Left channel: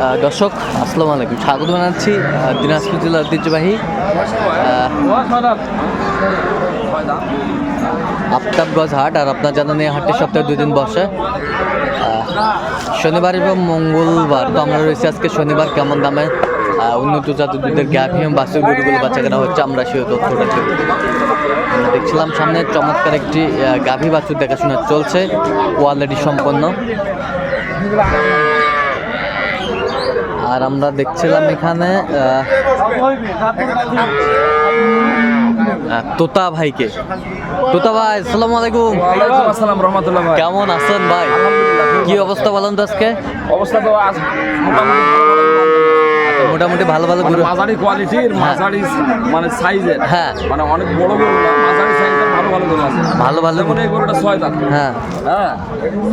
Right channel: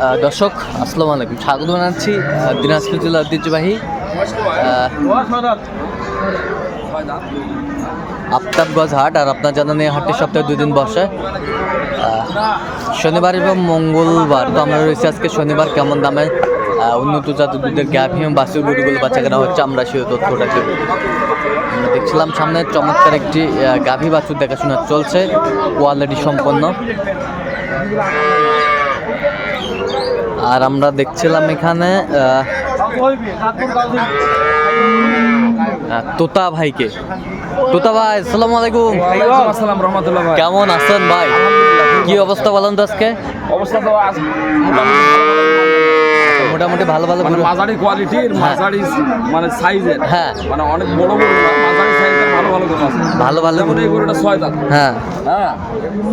দর্শক, আসসালামু আলাইকুম। স্বাগত জানাচ্ছি দিনাজপুর জেলার ঐতিহ্যবাহী আফতাবগঞ্জ হাট আর আপনার জানেন এই হাটটি সপ্তাহে দুই দিন বসে। শনিবার এবং মঙ্গলবার তো আমরা রয়েছি আজকে শনিবার, কেমন দামে উন্নত জাতের দুধের গ্যাপ হিম বাসের গরুগুলো বাচ্চা কেনা হচ্ছে, আমরা সেই তথ্যটা আমরা দেখছিলাম সামনে। চমৎকার একটি গাভী বাছুর দেখাশোনা চলছে কোয়ালিটি সম্পন্ন। আর আমরা দেখছিলাম এখানে তোতা ভাইকে। তোতা ভাই আসসালামু আলাইকুম। আসসালাম রহমতুল্লাহ ভাই। কেমন আছেন ভাই? আলহামদুলিল্লাহ কি অবস্থা বলেন তো আজকে? অবস্থা তো আজ মোটামুটি মোটামুটি ভালো ভালো মানে মাঝারি কোয়ালিটির হ্যাঁ। মাঝারি মানে সাইজের হ্যাঁ। মানে অনেক বড় গরু না মাঝারি সাইজের ভালো ভালো গরু আছে। ভালো ভালো যেমন এই গরুটা ছয় দাঁত। হ্যাঁ। হ্যাঁ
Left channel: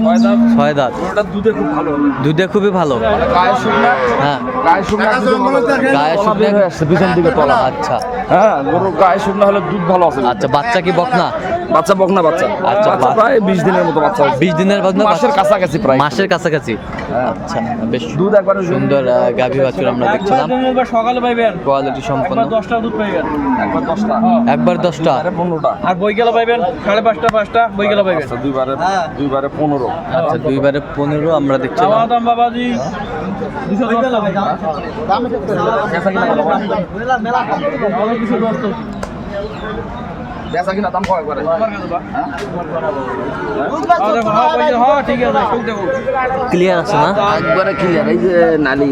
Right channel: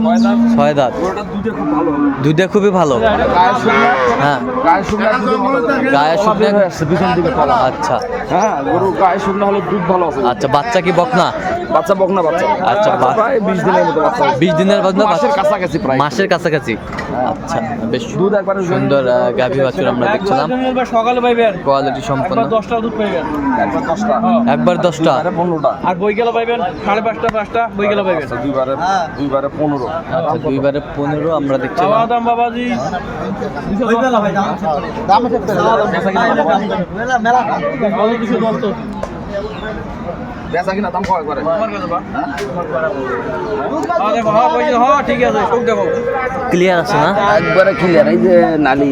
ছয় দাঁত। ছয় দাঁত। গরুটা দুধে খুব ভালো দুধে খুবই ভালো। মানে গায়ে শুকনা হ্যাঁ। গায়ে শুকনা দুধে গায়ে শুকনা- বের হয়ে আসছে পিছন দিকে আচ্ছা। হ্যাঁ গরু গায়ে শুকনা হলে দুধ ভালো আছে। আচ্ছা বাচ্চা কি বকনা? বাচ্চা বকনা বাচ্চা? আচ্ছা, প্রায় বিশ দিনের মতো বাচ্চা বিশ দিনের বাদ না মাসের কাছাকাছি প্রায়। মাসের কাছাকাছি? হ্যাঁ। আচ্ছা বেশ দুধ একবারে সুন্দর গাভী বাছুর আমরা দেখছিলাম। সকালে পাইবেন। কোয়ালিটি সম্পন্ন। একবার দশটা দুধ পাইবেন। একবার দশটা। একবার দশটা? আরে পনেরোটা। আর বই গেলে পাইবেন? সাড়ে পাঁচটা পাঁচটা বই গেলে পাইবেন। আচ্ছা দুইবারে দুইবারে পনেরো। আচ্ছা দুইবারে পনেরো আমরা দেখছিলাম। দাম বাবাজি। দুশো দশ। তো ভাই বেচা কিনা হয়? দাম কয় করে হ্যাঁ? দেখো হ্যাঁ হ্যাঁ ঠিক আছে সুখ দেখো ক্লিয়ার আছে না? একবারে ক্লিয়ার এই যে নালি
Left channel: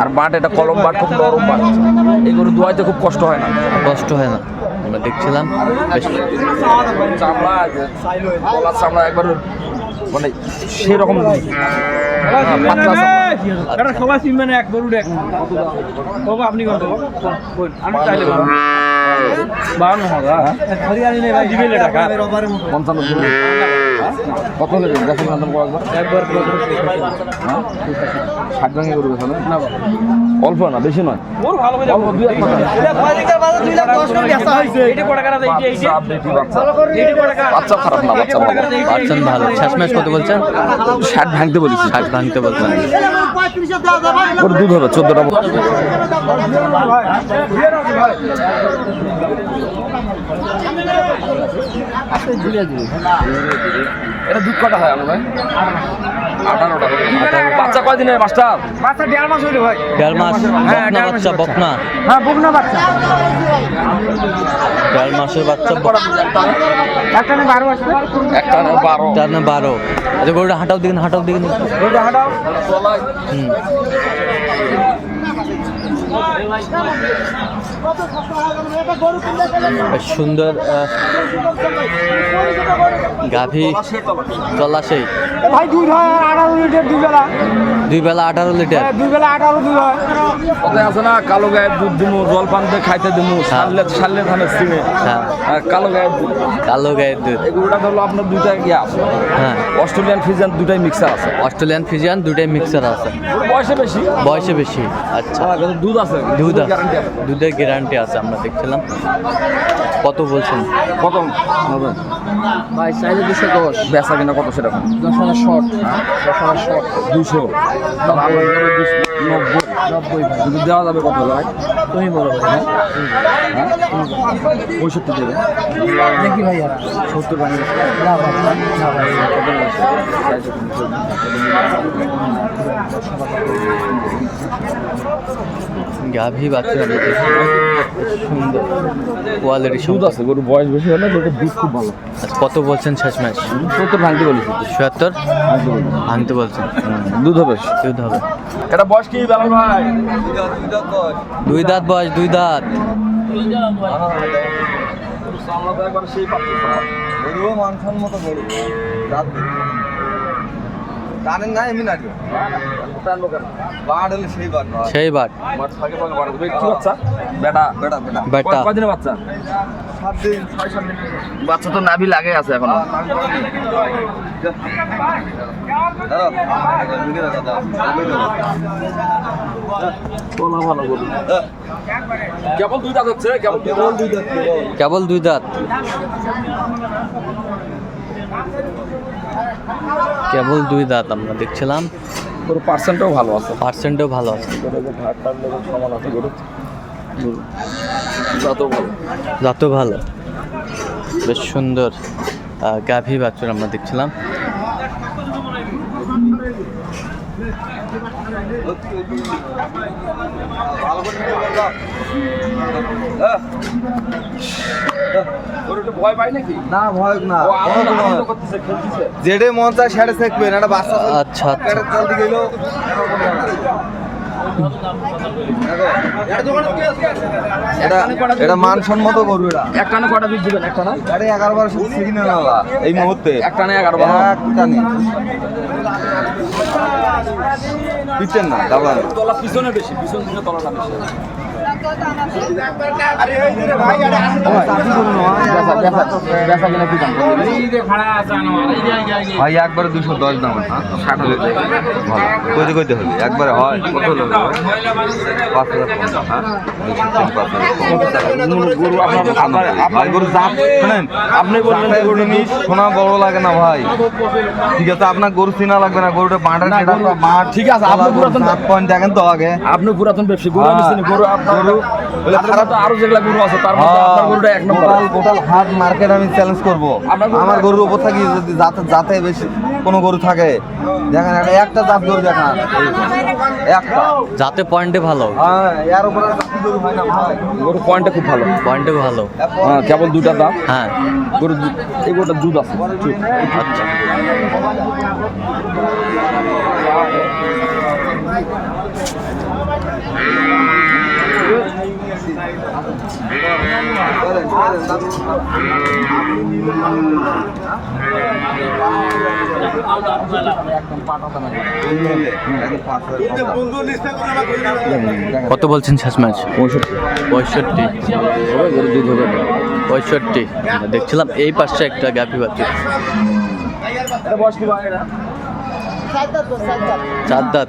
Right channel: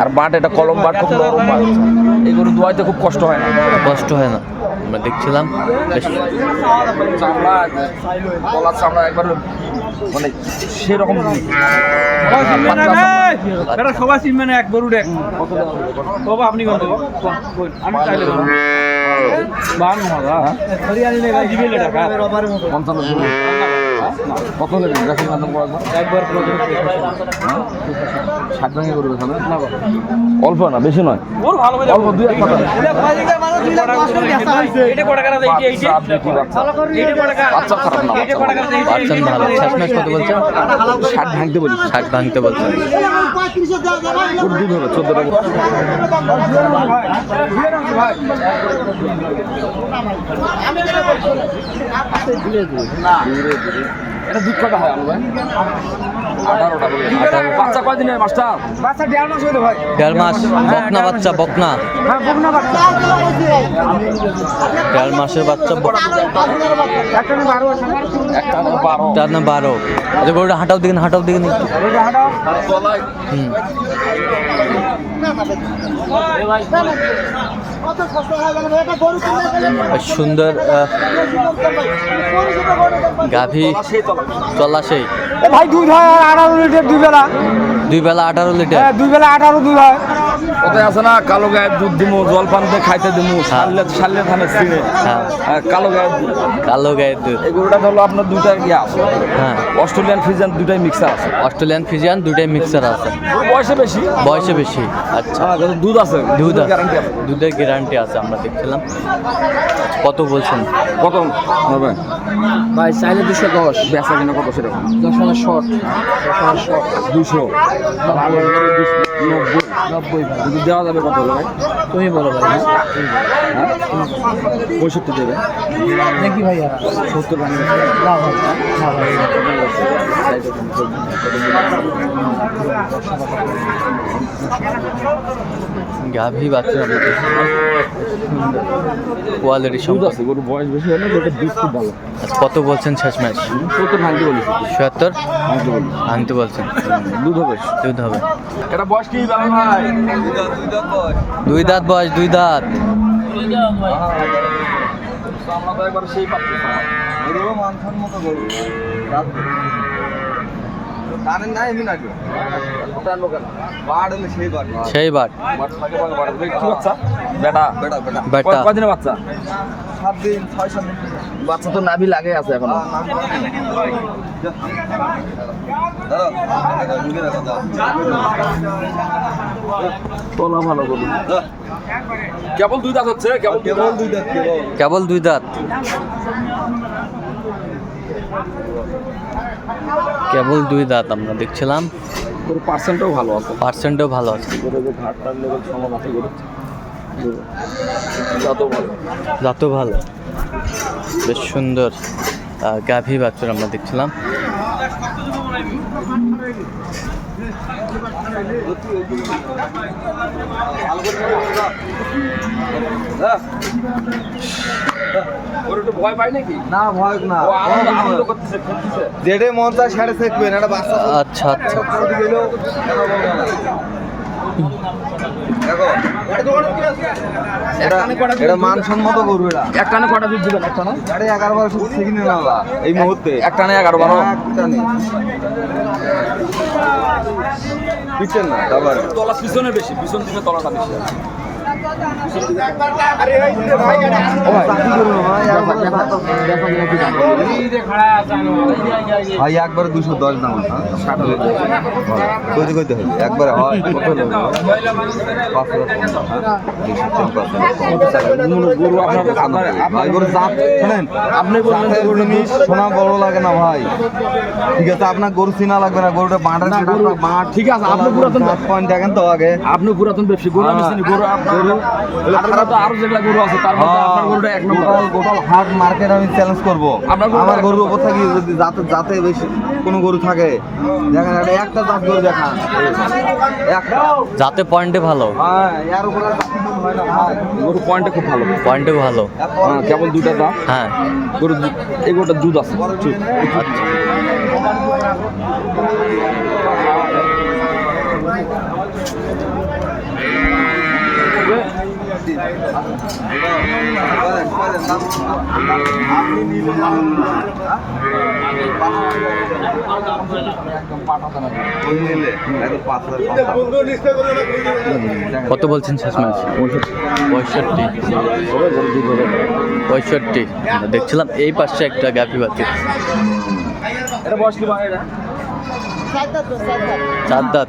আর বাট এটা কলম বাট খুব নরম বাট। এই গরু ধোয়াইতে খুব কষ্ট হয় না। কষ্ট হয় না। আমরা দেখছিলাম বেশ। চামড়া গলার চামড়া একবার মানে সেরকম। ভাই আচ্ছা। এটা সবাই চিনবে না এক গরু দেখ বাবা আপনি কত? আমি চাইলে বাহান্ন হাজার নেই ভাই। দিবে টাকা পঞ্চান্ন কত বেচা কিনা দাম কয় একবার একবার হ্যাঁ? ষাট ভাঙে গরু বেচা না অল্প না বেশি নয়। ওর ভালো করে ভালো শেষমেশ কত বলছেন ষাট ভাঙতে বলেছি। ষাট ভাঙতে বলছেন ওর দুধ হবে চোদ্দ টাকা। এটা দুধ কটা হয় আলু ভাই? আঠারোটা বাচ্চা কয়দিনের মাস্টার বাচ্চা? দেড় মাস হইল ভাই। দেড় মাস। বকনা বাচ্চা বকনা। হ্যাঁ বাচ্চা। দেড় মাসের বাচ্চা একটা না বারো আচ্ছা গরুটা হাঁটাও দিকে হাঁটাও দিকে হুম। সুন্দর আহ, গাভী সেই তলা চলা সেই এ ভাই দুধ হয় আর আঠারো লিটার দুই বেলা। দুই বেলা আঠারো লিটার? হ্যাঁ দুই বেলা আঠারো দুধ হয় ওতে আছে না কালো গায়ের দুধ দিমু জল পান দিয়ে খাইতে দিমু সারলে সারলে ধানের সিনে হ্যাঁ। আর কালো গায়ের দুধ। কালো গায়ের দুধ। এই গরুটা ধরলো আপনার দুইটা ইয়ে আছে। হ্যাঁ। অস্ট্রেলিয়ান ফিজিয়ান দুইটাই মিক্সার আছে। অস্ট্রেলিয়ান ফিজিয়ান দুটাই মিক্সার আছে। বয়সে বেশি? বয়সে বেশি আচ্ছা। হ্যাঁ দুধ আছে। দুধ আছে। দুধের গ্যারান্টি আছে আমরা দেখছিলাম। কত বলছেন? কত? হবে। ভাই চাইলে দুশো দশ। বেচা কিনা কত সেরকম? দশ হাজার শর্ট দশ হাজার শর্ট দুশো। নব্বই। নব্বই ভাই। কিন্তু দেওয়া যাবে কত হলো ভাই? তুমি বলো ভাই। হ্যাঁ? পঁয়ষট্টি দেবে। দেখি ভাই আর সত্তর ভাঙে না ভাই না ভাই গাভী বাচ্চা আমরা দেখছিলাম সুন্দর কোয়ালিটি সম্পদ আছে গরু বয়স বেশি হলে গরুটা দুধ খুব ভালো। আচ্ছা কত বলছেন শেষ ম্যাচ সত্তর? ভাঙতে বলি চুয়াত্তর ভাঙতে বলছেন দুধ হবে। দুধ হবে। এটা বয়স কি দুই দাঁত বয়স দুই দাঁত। আমরা তো একবার সেই পাচ্ছি গরুও মানসম্মত গরু। জানেন না এমনি নাকি টানবো কেন বাড় হলে সেই বাড় সেই বাট কি বাচ্চা? বেটা। বেটা বেটা। বেটা। বাচ্চা? সাত দিন ছয় সাত দিন বাচ্চা তো নাভি লাগে আছে এখনও। ভালো কেবল দুই দাঁত হচ্ছে কেবল দুই দাঁত। কেবল দুই দাঁত কেবল। দুই দাঁত। আমরা দেখছিলাম। পার্সেন্টও ভালো আছে। পার্সেন্টও ভালো আছে। জাতও ভালো। বেশ সুন্দর গাভী বাছুর আমরা দেখছিলাম। মন আচ্ছা আচ্ছা। এটা এটা মানসম্মত করবে এটা একটানে কটা দুধ দিবেন? একটা আরে এগারো বারো শুধু শিখে না এই মুহূর্তে। একটানে এগারো বারো। একটানে পিছেন না তলা পিছনে বেশি পিছন দিকে তলাটা বেশি। ভাই একবারে দুশো দশ দাম হ্যাঁ? ষাট হলে ভালো। কইতে কইতে হবে একবারে হয়। কত হলো পাঁচ হাজার কম হ্যাঁ? আপনি বললেন গরু সোনা বড় লাগে না ভাই। ঠিক আছে আপনার গরু চিনা লাগবে না গরুটা বাঁটা ঠিক আছে, আপনি পুরাতন- পয়েন্ট দেখেন তো আগে। আপনি পুরাতন ব্যবসায়ী গরু আমি গরু। আরও যেগুলা গরু আছে তার মধ্যে আপনার গরুটা এক নম্বর। টোটাল হাট মার্কেট আমি চ্যালেঞ্জ করব। আমার গরুর উপর থাকি যদি যাতে যাতে বেশি কোনো গরু থাকে। দেখেন একটা- একটা জাত গরু দেখা একটা। যাতে পয়েন্টে ভালো। হ্যাঁ এর উপরে গরু হয় না ভাই। গরু পয়েন্টটা খুব ভালো। পয়েন্টে ভালো। হ্যাঁ কেবল দুইটা দাম হ্যাঁ। গরু এই গরুটা দুধ আছে। আচ্ছা। গরু নিলে একদম পাঁচ হাজার কম দাম। কত বলছেন শেষ ম্যাচ? পঁয়ষট্টি। পঁয়ষট্টি। দেখছিলাম এই পাশে একটা ভাই এটা চার দাঁত।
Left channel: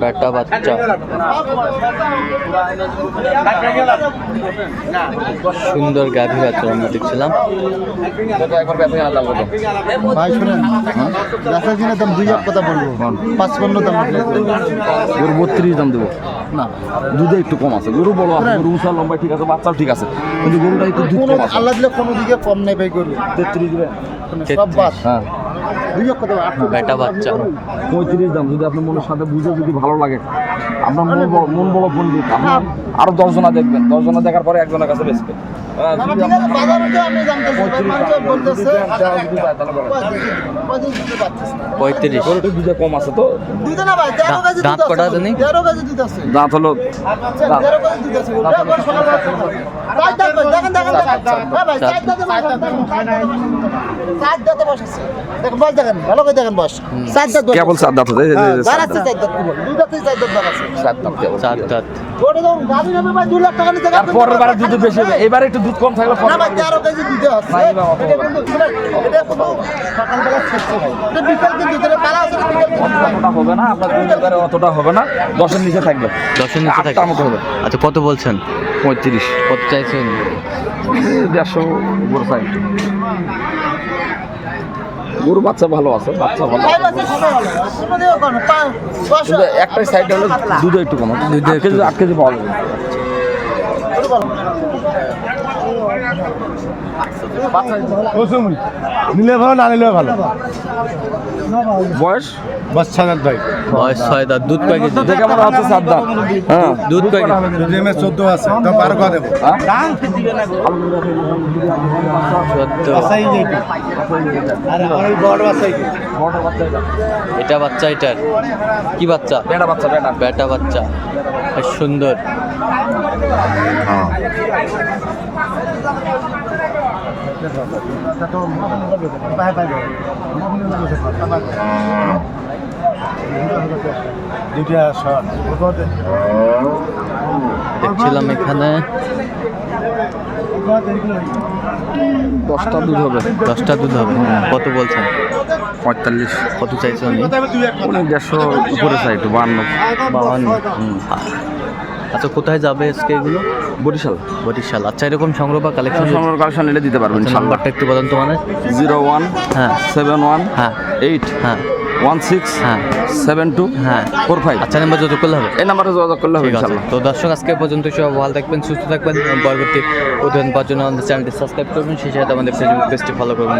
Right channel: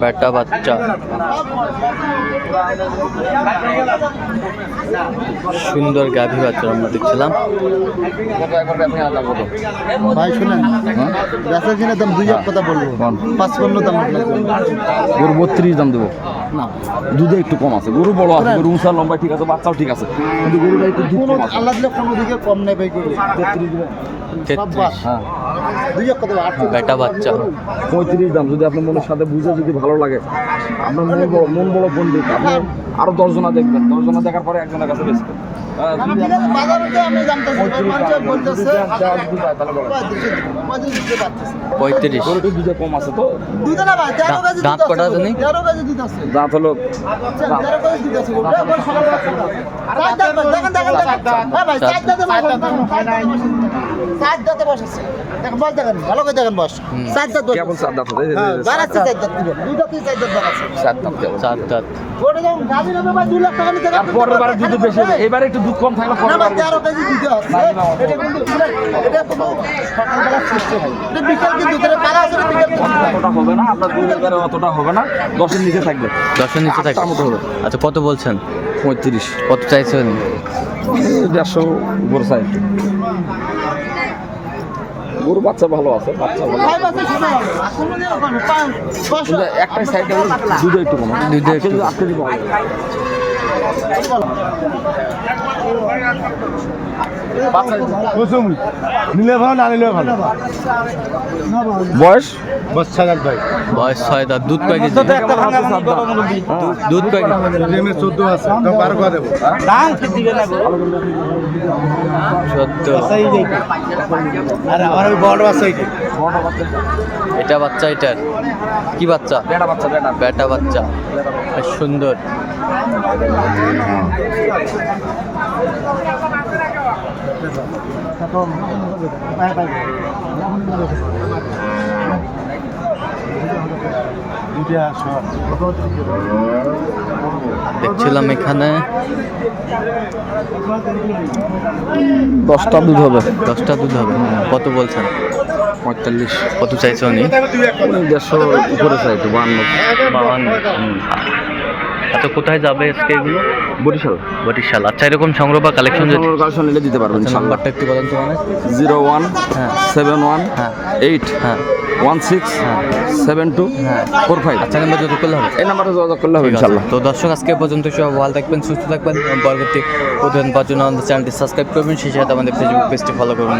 বেটা বাচ্চা। সুন্দর গাভী বাছুর আমরা দেখছিলাম। ভাই শুনেন। গাছের কিনে দাম দুই হাজার কথা বলব। পাঁচ পণ্য দাম গরু বত্রিশ দাম দেবো। না। দুধে একটু কম আছে। গরু বড় আছে গরু উঁচা লম্বা ঠিক আছে বাচ্চাও ঠিক আছে। কিন্তু গরুটা একটু দুধ আল্লাহ দিলে কোনো দিকে কম নেই ভাই গরু। তেত্রিশ দিবে। হ্যাঁ। বেটা বাচ্চা। পঁয়ত্রিশ দাম যদি আপনার মনের সাথে বুঝে যদি ভালো লাগে আপনার মন বড় মন বড় পণ্ডিত আপনার আরও দশজনা দেখবেন। দশজনা দেখার পরে একজনের কাছে বেচবেন। হ্যাঁ, পঁয়ত্রিশ মানুষ দাম, যদি বলতেছে দেন, দেওয়া যদি যায় তাহলে বলেন। কয় দিতে দিবে? কয় দিতে দিতে পারতেছে না। পঁয়ত্রিশ। গরুটা দুধে কম আছে তো। দাঁত- কটা জানি? দিতে হলো দিতে দাঁত দেখেন, দেখেন, আছে, আছে। আছে। বয়স ভালো করে দেখেন বয়স। চার দাঁত কেবল আছে। চার দাঁত আছে, দাঁড়াচ্ছে চার দাঁত, কি বল? দুই দাঁতেই চার দাঁত দাঁড়াচ্ছে। চার দাঁত কেবল। চার দাঁত যখন গাভী নেবে ভাই, দুই লাখ টাকা নিতে গেলে পরের বারে দুধ বেশি হবে এবারে একটু দুধ কম থাকলে না ভাই, তেরো কেজি দিতে হচ্ছে। এটা কিন্তু এটা সকালবেলা ছিটছে ভাই। এটা বিকেল কিন্তু পালা আছে, বিকেল অতটা হবে না আপনার দুই হাজারে অতটা হবে না দশের নিচে থাকবে দশের নিচে থাকে আটটার মতো হবে আচ্ছা কত বলছেন পঁয়ত্রিশ কত চাইছেন দেড়শো গরু সাইড গরু বাচ্চা ভালো আছে বাচ্চা ভালো একটাই সাইড দুধ একটু কম দুধ আট কেজি একটু- পাওয়া যাবে। নিলে ভালো না নিলে ভালো বয়স বাচ্চা দাঁত ভাই বয়স ছয় দাঁত দুধ কয় কেজি কেবল হচ্ছে চার দাঁত হ্যাঁ দুধ কয় ডিমে চোদ্দ আছে তো বারো করে দেবো চোদ্দ আর আমার বড় আছে বড় বাচ্চা এটা বাচ্চা এটার কি বাচ্চা বেটা বাচ্চা বেটা বেটা বাচ্চা বেশ সুন্দর দেখছিলাম এখানে। দশটা দুধ হবে দশটা দুধ হবে কত বলছেন? পঁয়তাল্লিশ। কত চাইছে উনি? উনি দেড়শো উপরে চাইতো বান্ন বাবান্ন আচ্ছা কোথায় যাবে আজকে এগুলো? বরিশাল। বরিশাল। আচ্ছা এরকম সংগ্রহ বা কালেকশন সংগ্রহ কালেকশন নিলে দিতে পারবেন আচ্ছা, নাম্বারটা একটু বলেন তো মানে। জিরো ওয়ান হ্যাঁ। সেভেন ওয়ান হ্যাঁ। এইট হ্যাঁ। ওয়ান সিক্স হ্যাঁ। সেভেন টু হ্যাঁ। Four five. আচ্ছা নাম্বার যত করলে হবে? এই নাম্বারে যোগাযোগ করলে হবে ঠিক তো দর্শক আজকে পর্যন্ত সব ভালো থাকবেন সুস্থ থাকবেন। পরবর্তী প্রতিদিন পাওয়ার জন্য আমাদের চ্যানেলটি সাবস্ক্রাইব করবেন সেই সাথে আমাদের ফেসবুক পেজটি ফলো করবেন